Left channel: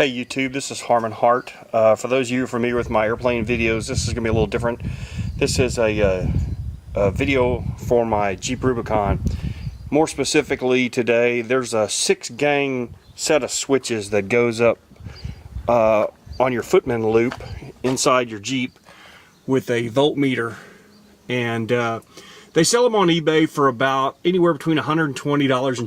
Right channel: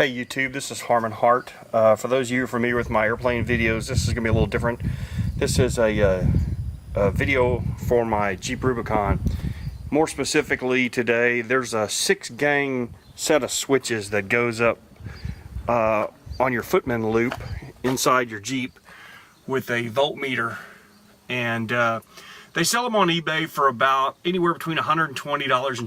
Hey YouTube, this is Harmon Hart. For those of you who are familiar with my airplane videos, this is going to be a little different. This is a video for my Jeep Rubicon. More specifically today, there's a 6-gang set of switches that goes up on your footman loop inside your Jeep with a voltmeter. And they sell them on eBay for about anywhere between $120 and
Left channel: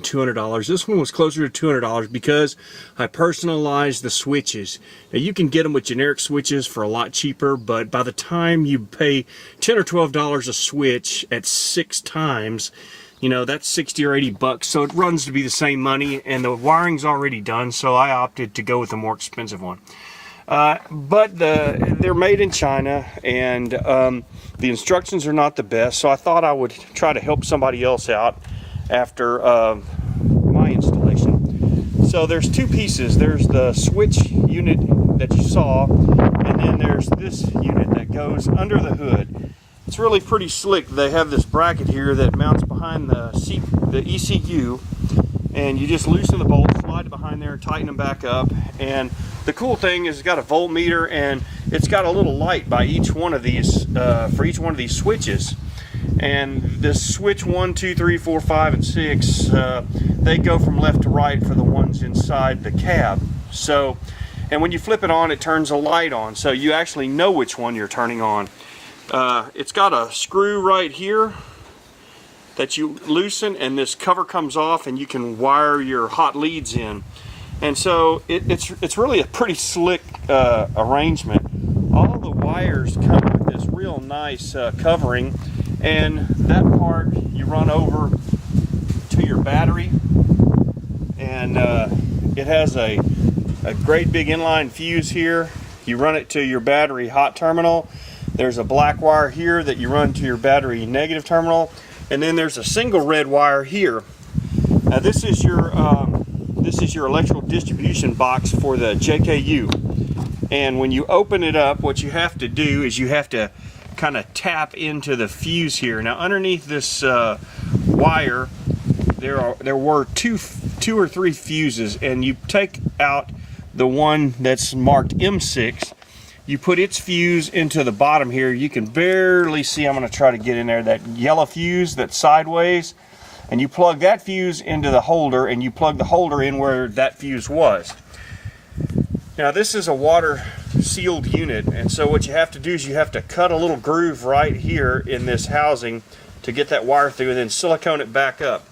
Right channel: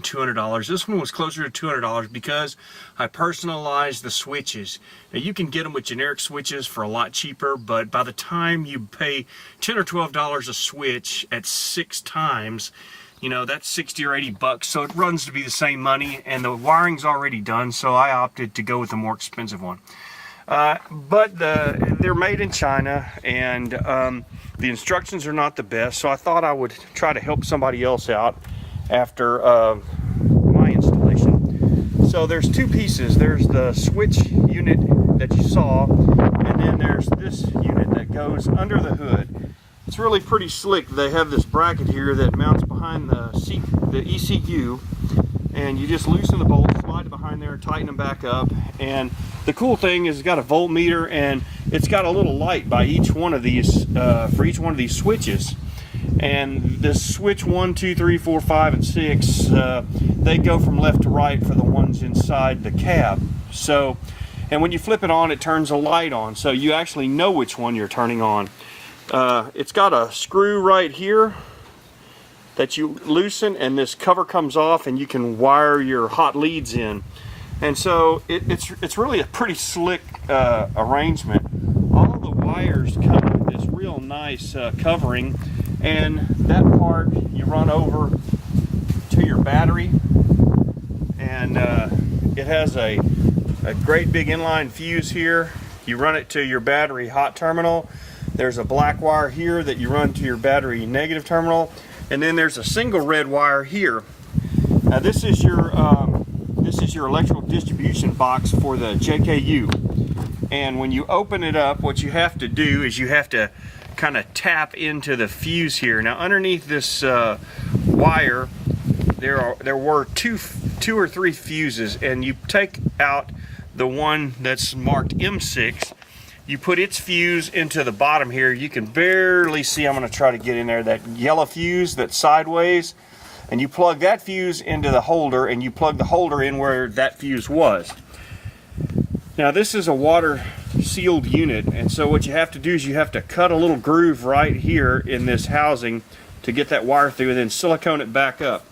$200. This one was closer to $200 because I personalized the switches. Now, you can get them with generic switches for a lot cheaper, but by the time you pay $10 or $12 a switch at 6 times, you know, that's 60 or 80 bucks. So it runs to be the same money, and the wiring's already done, so I opted to go with the more expensive one. But they're made in China, and the instructions are not the best, so I thought I would try to help somebody else out after my installation. So there's 2 pieces. There's the switch unit that you saw, and then there's this unit that goes under the hood. It's really pretty slick. They have this bracket here that mounts behind the ECU, and you just loosen the bolt, slide it behind there, tighten them back up. And the cool thing is it's got a voltmeter, and it's got a little light by each one of these, for each one of these switches. And this switch 1, 2, 3, 4, 5, and 6, they go from left to right for the ones inside the cab. So, and when you flip it on, it turns a light on, so you actually know which one you're turning on. It's got a screw right here that you loosen, and this cover comes off, and you can wire your hot leads in. And so it's really a pretty slick arrangement. All the wires come with this real nice covering, and that part you run over to your battery, and it has a great big inline fuse here. You run it to your battery hot terminal. There's a black wire here that you run to your battery negative terminal. And then there's a single red wire here. Now this is your electrical distribution box for the JKU. And when you open it up, what you have to do is you have to kind of tap into the fuse here. Now underneath this wire, there were two or three fuses, and you take out the one that's marked M6. You put its fuse into the bottom here. You can barely see, I'm going to try to get in there, that yellow fuse that's sideways. And you plug that fuse into the holder, and you plug the holder in where that fuse was. Now this is a water sealed unit, and so what you have to do is you have to cut a little groove right here in this housing to get that wire through, and then silicone it back up.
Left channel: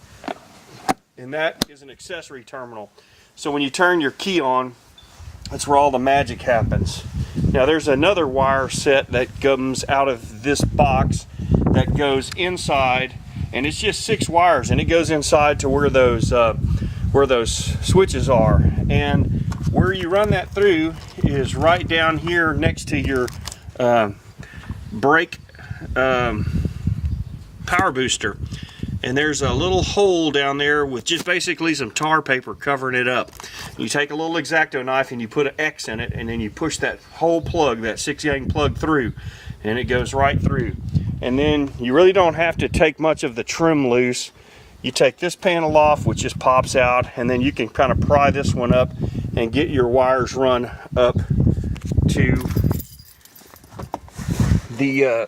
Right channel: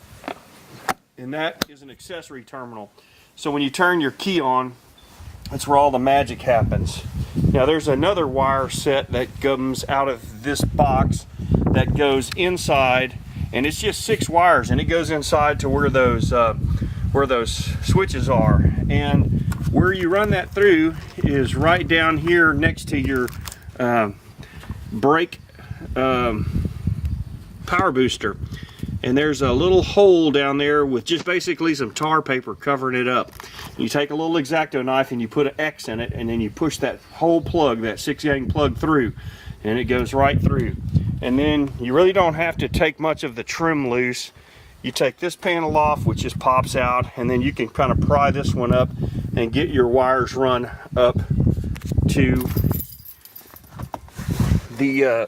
And that is an accessory terminal. So when you turn your key on, that's where all the magic happens. Now there's another wire set that comes out of this box that goes inside, and it's just 6 wires, and it goes inside to where those switches are. And where you run that through is right down here next to your brake power booster. And there's a little hole down there with just basically some tar paper covering it up. You take a little X-Acto knife and you put an X in it, and then you push that whole plug, that 6-gang plug, through, and it goes right through. And then you really don't have to take much of the trim loose. You take this panel off, which just pops out, and then you can kind of pry this one up and get your wires run up to the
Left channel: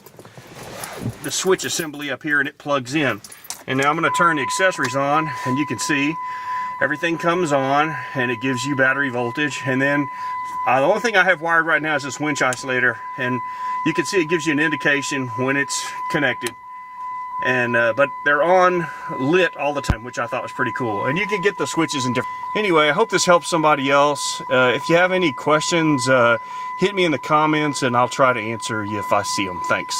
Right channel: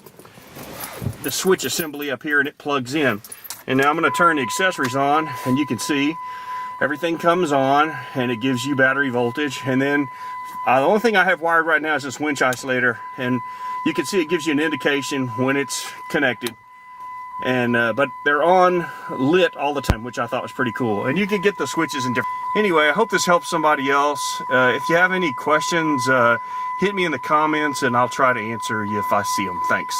switch assembly up here, and it plugs in. And now I'm going to turn the accessories on, and you can see everything comes on, and it gives you battery voltage. And then the only thing I have wired right now is this winch isolator, and you can see it gives you an indication when it's connected. And but they're on lit all the time, which I thought was pretty cool. And you can get the switches in different. Anyway, I hope this helps somebody else. If you have any questions, hit me in the comments, and I'll try to answer you if I see them. Thanks.